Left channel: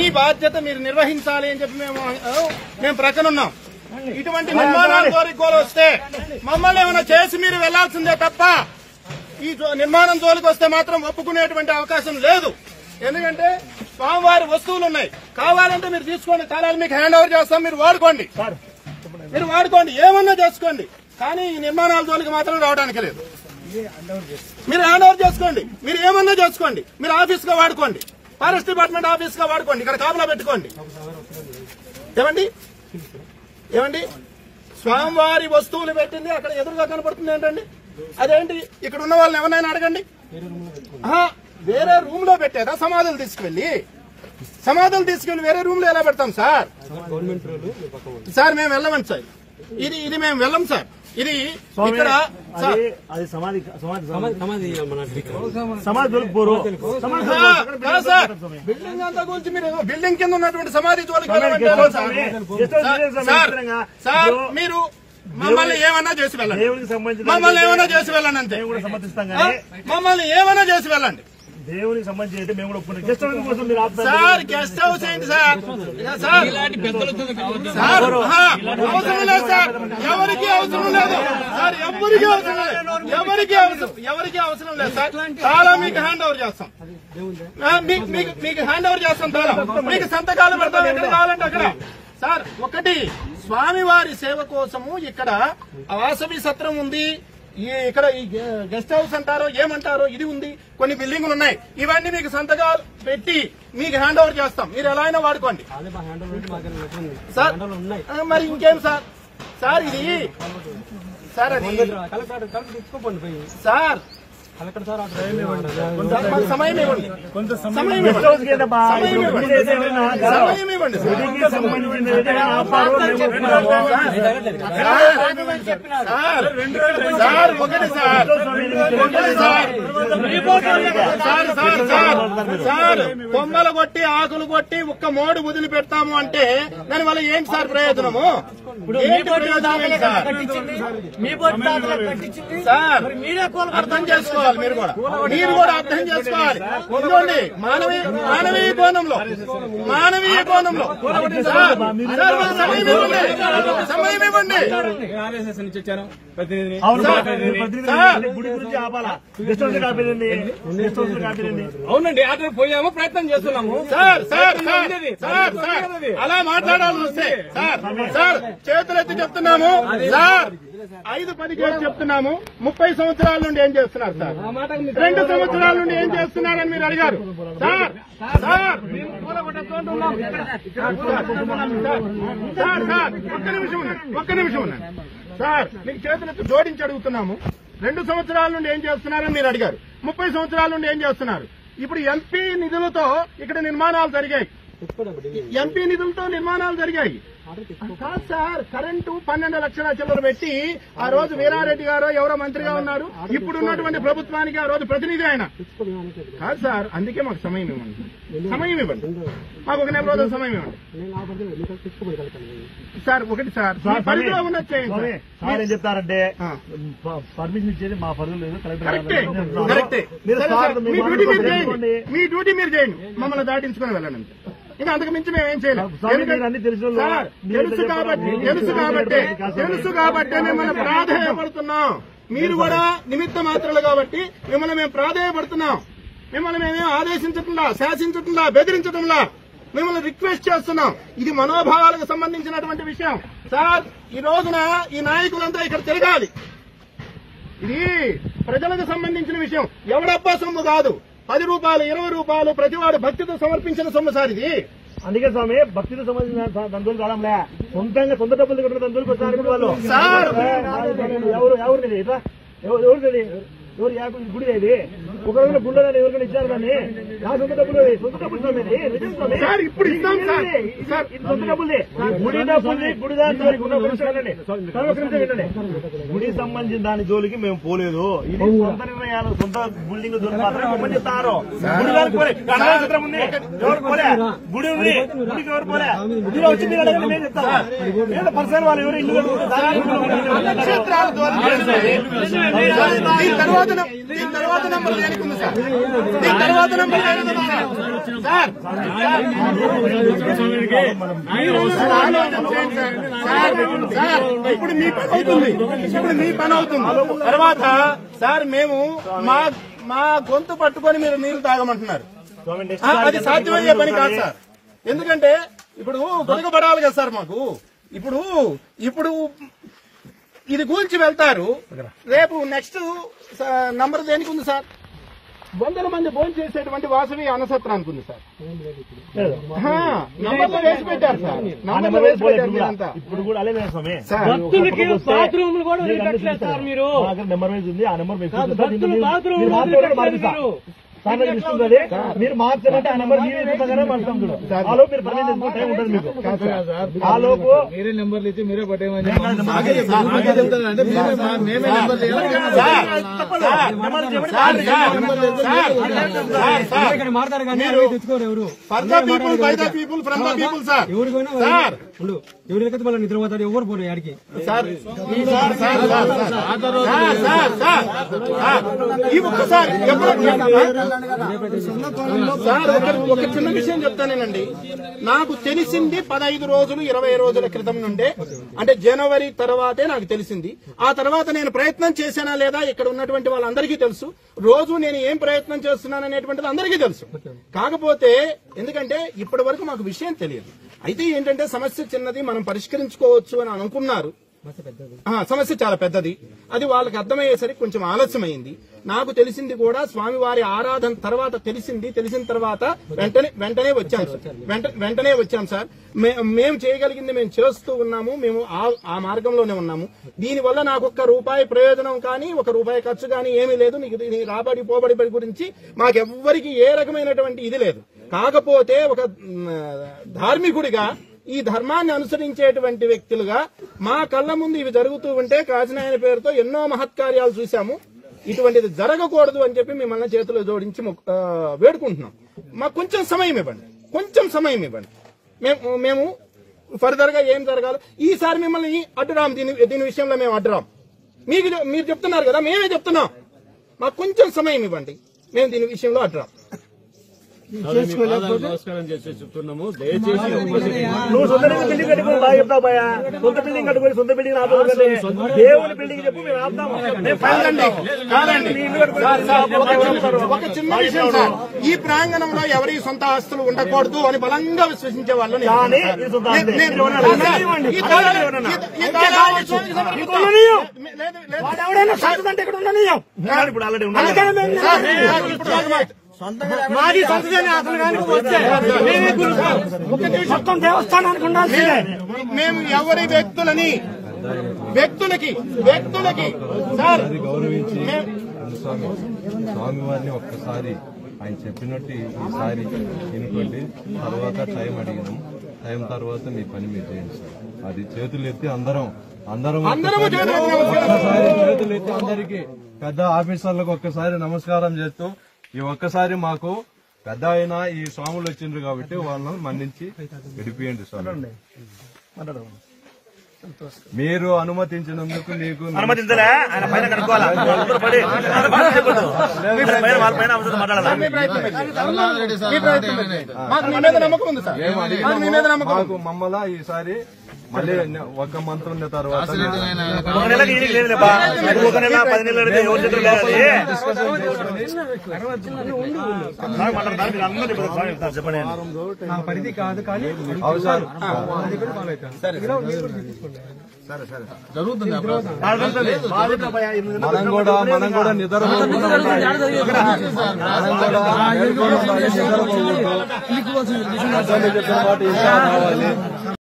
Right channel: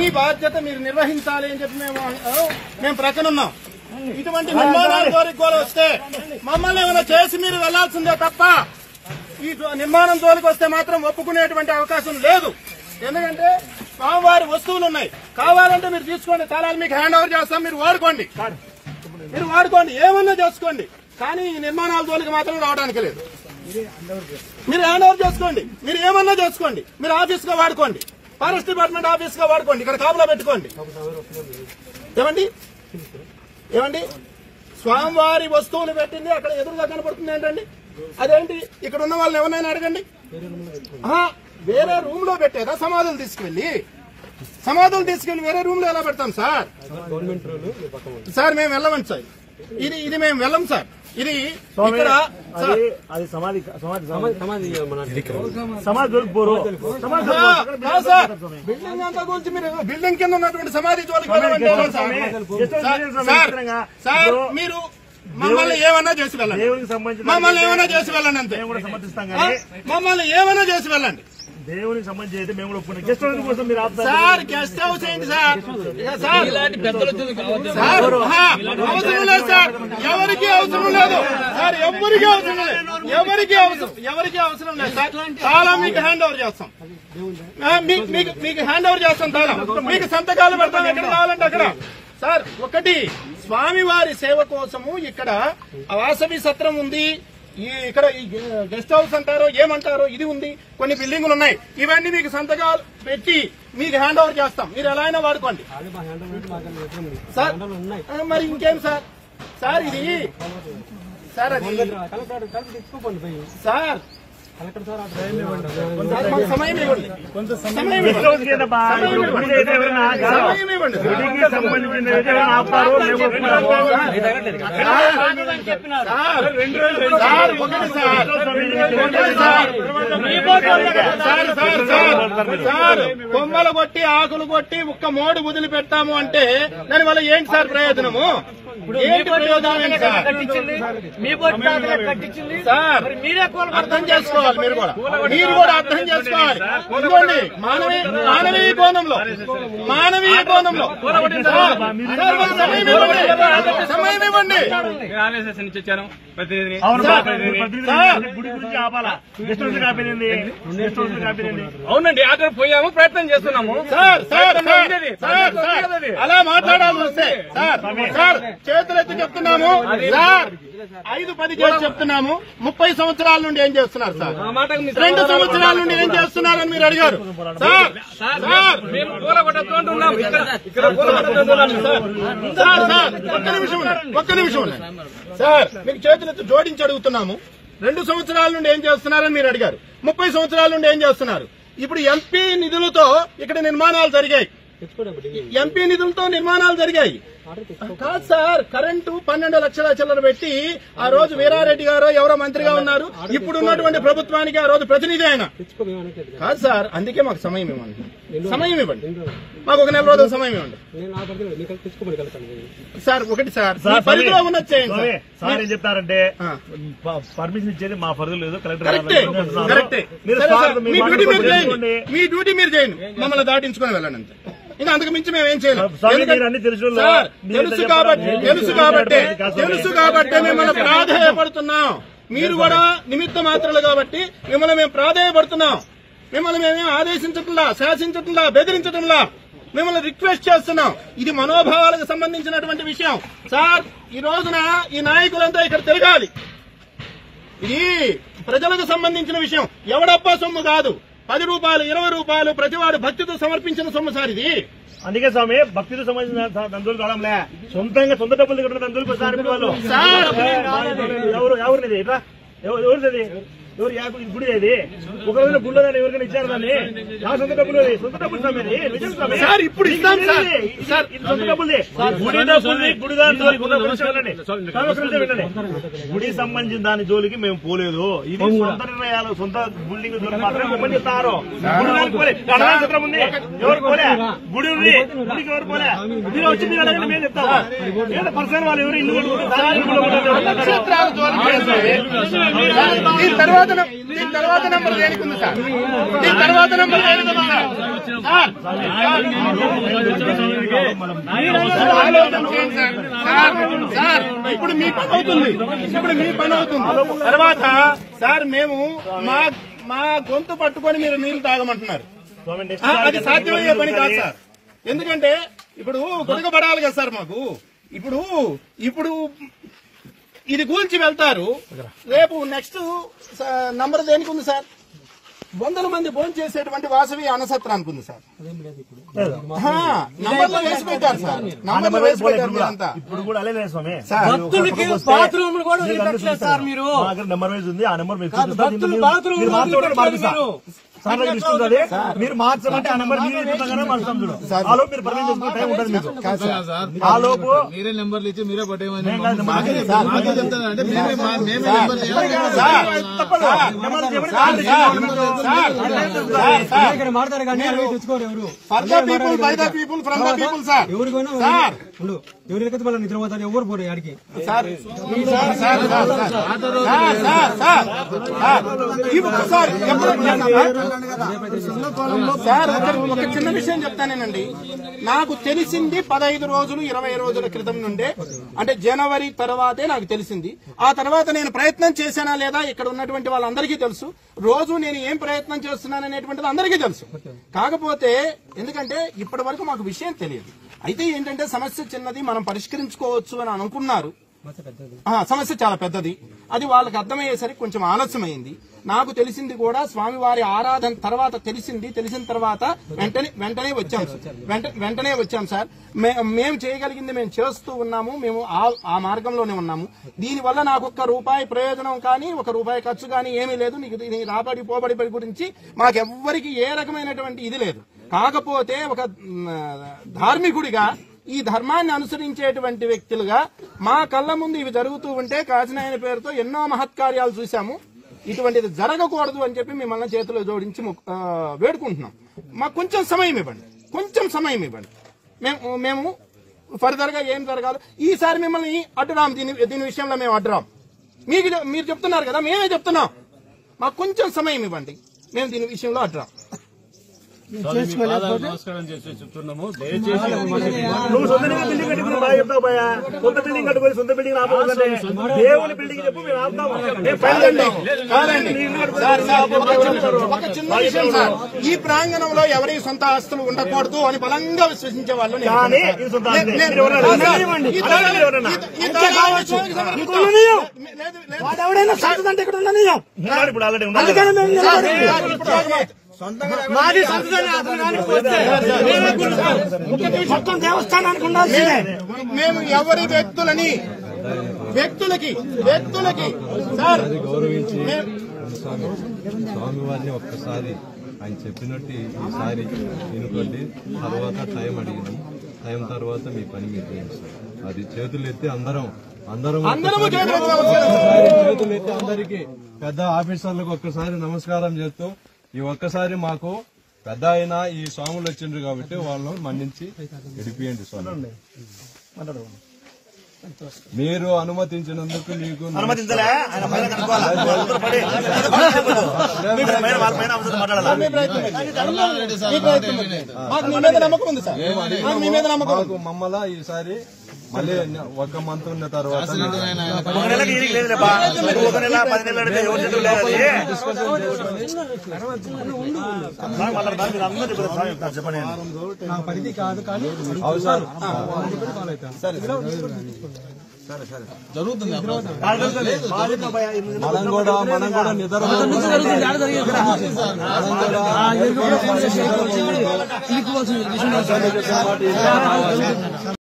మీ బాధ్యత మీరు నిర్వహించాలి అని చెప్పి మేము ప్రక్కన ఉన్నాం. ఇటువంటి నిర్మాణాల జోలికి కూడా వస్తే మమ్మల్ని ఏమైనా చేసి మీరు వెళ్లాల్సిందే తప్ప ఈ నిర్మాణం జోలికి వస్తే మాత్రం ఒప్పుకునేటువంటి అవకాశం లేదు. ఎందుకంటే స్వామివారి వస్తువులు ఉన్నాయి, కావాలంటే మీరు తీసుకోండి, తాళాలు మీకు హ్యాండ్ ఓవర్ చేస్తాం, మీరు వాడుకోండి, ఏమన్నా చేసుకోండి. కానీ ఈ నిర్మాణాల జోలికి మాత్రం రావడానికి లేదు. మీరు హ్యాండ్ ఓవర్ చేసుకోండి, మీరు ఏమన్నా చేసుకోండి, మీరు ఆఫీస్ గా వాడుకోండి, ఫారెస్ట్ డిపార్ట్మెంట్ ఆఫీస్ గా వాడుకోండి, ఇక్కడ కాపులా పెట్టుకోండి. ఏమండి స్వామివారి వస్తువులు పెట్టింది అక్కడ ఎదురుగా కనపడుతుంది ఏంటండి? అదేంటి? ఇక్కడ ఉన్న వాళ్ళని ఎవరైనా అడగండి. వేరే రూమ్ లో పెట్టేదా? సమాధులు తీసుకువెళ్లి వేరే రూమ్ లో ఎలా పెడతాం సార్? మేము వెళ్ళమండి సార్, ఇది మేము వెళ్ళం సార్. ఇది ఇక్కడ బిల్డింగ్ అంతా గురించి మీరు బిల్డింగ్ కింద ఉన్నటువంటి సమాధి జోలికి వెళ్ళమంటే సార్ మీరు మమ్మల్ని ఏమన్నా చేసి వెళ్ళండి, మమ్మల్ని ఏమన్నా చేసి వెళ్ళండి అంతే. మమ్మల్ని ఏమన్నా చేసి వెళ్ళండి. దేవునికి సంబంధించి మేము సార్ గెస్ట్ హౌస్ ఏంటి సార్? అవసరం లేదు సార్, ఎవరికి అవసరం లేదు సార్, ఎవరికి అవసరం లేదు సార్. చాలా మీకు హ్యాండ్ ఓవర్ చేస్తాం, మీకు హ్యాండ్ ఓవర్ చేస్తాం. చాలా మీకు సంతకాలు పెడతాం, ఎక్కడ కావాలంటే అక్కడ. సార్ ఒకటి, స్వామివారి సేవ కోసము ఇక్కడ వాసవి సత్రం ఉంది, ఇక్కడ ఈ గెస్ట్ హౌస్ అంటారో ఏమంటారో ఇది ఉంది, కొన్ని బిల్డింగులు ఉన్నాయి. ఇవన్నీ మీకు సంతకాలు పెట్టి మీకు హ్యాండ్ ఓవర్ చేస్తాం, మీరు ఎలా అయినా వాడుకోండి సార్. మరి ఇంకేం సార్? ఇది సార్ అది సార్ సమయం ఇవ్వండి, సమయం ఇవ్వండి. సార్ కొమ్మలు కొట్టి ఆకులు కొట్టి ఒక్క మోడు వదిలి పెడతాము అంటే దానివల్ల ఏంటి సార్ ప్రయోజనము? ఏంటి ప్రయోజనం ఏంటి సార్? సార్ అర్థం చేసుకోవాలి, మీరు కూడా అర్థం చేసుకోవాలి. ఇదిగోండి మానవీయ కోణంలో సమయం ఇవ్వండి. అవునండి, ఆర్డర్ పోయాము, ప్రయత్నం చేస్తున్నాము సార్. అలా మాట్లాడాల్సి వస్తే సార్ చేతులెత్తి చెప్తున్నాము సార్, 5-10 చేసి చెప్తున్నాము. 30 సంవత్సరాల నుండి ఏం చేస్తున్నారు సార్? 2 సంవత్సరాల నుండి ఏం చేస్తున్నారని మీరు అడిగారు సార్. ఒక్క నిమిషం ఉండండి సార్, మీకు చేతులెత్తి జోడించి అడుగుతున్నాము. 2 సంవత్సరాల నుండి ఏం చేస్తున్నారని మీరు అడిగారు. 30 సంవత్సరాల నుండి ఏం చేస్తున్నారు? ఇప్పుడు ఎంపీ నిధులతో ఇక్కడ నిర్మాణాలు జరిగాయి, కాదు సార్. కరెంటు 12 లక్షల చిల్లర పెట్టి ఆ రోజు వీరారెడ్డి గారు ఎవరో మంత్రిగా ఉన్నారు, ఇప్పుడు ఉన్నటువంటి ప్రభుత్వానికి ఆ రోజు ప్రతినిధి ఆయన కాదు సార్. అందుకే మాకు సమయం ఇవ్వండి, మాకు 1 నెల రోజుల సమయం ఇవ్వండి సార్. ఒకటి సార్, పరిధిలో ఉన్నది చేయండి సార్. ఏం చెప్తారంటే పర్మిషన్ ఇచ్చేది మా పరిధిలో లేదు, కరెక్టే. మీ డ్యూటీ మీరు చేయండి, మమ్మల్ని దాటించుకొని వెళ్ళండి అంతే. ఇంకా అంతకు మించి మేమేం చేయలేం. తెలుసు కాబట్టి మిమ్మల్ని ప్రాధేయపడుతున్నాం. మీరు కూడా నిమిత్త మాత్రలు కాబట్టి మిమ్మల్ని మేము ప్రాధేయపడుతున్నాం. మిమ్మల్ని మేమేం ఆదేశించట్లా, శాసించట్లా, బెదిరించటంలా, మిమ్మల్ని రిక్వెస్ట్ చేస్తున్నాం. ఇది మనోభావాలకు సంబంధించినటువంటి విషయం సార్. ఈ రోజున ఈ నాయకులంతా ఇక్కడ తిరగాలి. ఇది ప్రజలకు సంబంధించిన విషయం. ఎవడబ్బా సొమ్ము కాదు. 10 రూపాయలు, 20 రూపాయలు ప్రతివాడు భక్తితో సమర్పించిన సొమ్ము సార్ ఇది. అందుకే స్వామి భక్తితో సంబంధించిన దందులు కావడంలే, సొంతంగా సొంత డబ్బులు కట్టిన దందులు వాళ్ళు ఎవరిది గుడి అది ఒకవేళ గుండెని ఎవరికైనా ఇచ్చారు దాన్ని నా సొంత డబ్బులు సార్. ఇప్పుడు ఇస్తాం సార్, సొంత డబ్బులది గుడి సంబంధించిన దాని జోలికి మేము పోలేదు. ఇది సొంత నిర్ణయాలు, సొంత బిల్డింగ్ జోలికి మాత్రమే చెప్తారు. నక్షత్రం ఉంది, ఎవరు పోలే, గుడి ఉంది, గుడికి ఎవరు పోలే. మీరు వచ్చి మీరు అడగండి, మేము చెప్తాము. పర్సనల్ వాళ్ళు ఎవరు ఇల్లు తర్వాత తర్వాత నెంబర్ దేనికి ఉంది సార్? దీని తర్వాత నెంబర్ దేనికి ఉంది సార్? సార్ ఇప్పుడు మీ పని అవుతుంది. తర్వాత సార్ మేము మా గొంతు పట్టుకొని మీరు నీళ్లు తాగమంటున్నారు. అది సాధ్యమయ్యే పని కాదు సార్. ఎందుకంటే ఇప్పుడు గొడగబడాలి కదా సార్ మాకు. ఇప్పుడు ఇది కూల్చి వెళ్తారు. రేపు నెక్స్ట్ నంబర్ దేనికి ఉంది సార్? 100 మంది భోజనం చేసేటువంటి వాసవి అన్నసత్రానికి ఉంది సార్. నంబర్లో వేసి పెట్టారు సార్. నంబర్లో వేసి పెట్టారు మీరంతా. ఇప్పుడు కూడా అదే స్వామి భక్తులకి బాత్రూమ్ కూడా సార్. మీరు నెంబర్ వైజ్ ఉంది. ఆ నెంబర్ మీరు మార్చమంటే ఆ నెంబర్ మీరు మార్చుతాం చూడు. ఆ లోపు మీరు పర్మిషన్ చేసుకునే టైం ఉంటుంది మీకు. ఆ లోపు మీరే నెంబర్లు ఇచ్చి మీరే పట్టేమని మాడతారు కానీ తెచ్చుకోరు ఎవరు. ఎవరికైతే మళ్ళీ నిద్ర పోతాడు ఎవరు పోరు ఆడికి. సార్ ఒక చిన్న విషయం చెప్తానేనండి. నాకు తెలిసింది 15 రోజులు 20 రోజుల క్రితం నుండే, అంటే జనవరి తర్వాతే నాకు తెలిసింది. ఆ తర్వాత నేను ప్రయత్నం చేశానా లేదా ఇక్కడ ఉన్నటువంటి వాళ్ళందరికీ తెలుసు. రోజు నేను ఏం ప్రయత్నం చేస్తున్నాననేటువంటిది అందరికీ తెలుసు. కాకపోతే ఎందుకంటే ఇప్పటి వరకు మాకు విషయం తెలియదు. అయితే ఏంటంటే సమస్య చిన్నది, మనం పరిష్కరించుకోవచ్చు అని అనుకున్నారు. సమస్య చాలా పెద్దది. అది వాళ్ళకి అర్థమయ్యేసరికి కొంచెం ఆలస్యమైంది. నాకు తెలిసింది కూడా స్వామివారి ఆరాధన తర్వాత తెలిసిన తర్వాత వెంటనే వచ్చాం సార్. మేము చేయగలిగింది మేము చేస్తూ ఉన్నాము. మేము ఆ మార్గంలోనే ఉన్నాము. దీనివల్ల నాకు ₹1 ప్రయోజనం కానీ ₹1 ఖర్చు కానీ ఏమీ లేదు. నీకు రాబడి పోబడి గురించి మాకెవ్వరికి ఏ రకమైనటువంటి ఇది లేదు. కాకపోతే ఒక ధార్మికుడిగా ఈ ధర్మాన్ని అనుసరించేటువంటి వ్యక్తులుగా మా కళ్ళ ముందు ఇవి జరుగుతూ ఉంటే కాశీనాయన పేరుతో ఎన్నో మహత్కార్యాలు చూశాము. ఇటువంటిది జరగకూడదు అని చెప్పి మిమ్మల్ని చేతిలో జోడించి వేడుకుంటున్నాం. మాకు కొంచెం సమయం ఇవ్వండి. మేము ఫర్దర్ గా ఏం జరగాలి ఈసారి మిమ్మల్ని అడ్డురాం. దీని విషయంలో మేము అడ్డురాం. మీరు చెప్తున్నారు కదా, మేమే చెప్తున్నాం. మాకు కొంచెం సమయం ఇవ్వండి. మేము దీని విషయంలో అడ్డురాం. నమస్కారం చేసి చెప్తున్నాము. దయచేసి నువ్వు సొంత బిల్డింగ్ కట్టుకుని బాగా చెప్తావు భయ్యా. సొంత బిల్డింగ్ కట్టుకుని సొంత బిల్డింగ్ దేవుని బిల్డింగ్ చెప్పి మేము ఒక చిన్న విషయం సార్, ఈ ప్రాంగణంలో ఎవరి సొంత ఆస్తులు ఉండకూడదు అని బలంగా విశ్వసించే వాళ్ళు. ఎవడైనా సాగుతుంటే ఇక్కడ ఉండనియం. ఇప్పుడు ఆల్రెడీ మాది సొంతదని అతను కానీ వస్తే మొత్తం దేవస్థానానికి ఉండాల్సిందే. మేము ఎవరి వ్యక్తులకి సార్ స్వామివారిని ఒక్కసారి ఆయన చెప్పినట్టు ఈసారి వినుకోండి. తర్వాత టైం అడిగినాం. టైం తర్వాత మీ పని మీరు చేయండి సార్. అది చేతులు ఎత్తి అందరం చేతులు ఎత్తి అందరికి పెద్ద ఆఫీసర్లకు ఒక్కసారి నమస్కారం చేస్తూ ఈ ఒక్కసారి మాకు పెద్ద అయినా ఈ స్వాములు వచ్చిండ్రు కాబట్టి వాళ్ళని మన్నించి విడిపియండి స్వామి. మీరు అనుమతించినందుకు మీకు అనుమతించలే. ఆయన పైన కనుక్కోవాలి. మమ్మల్ని ఈసారి మళ్ళీ 1 మంత్ ఉన్న తర్వాత పరిధి కాదు కానీ జరుగుతుంది. మనం కూడా నిద్రపోకుండా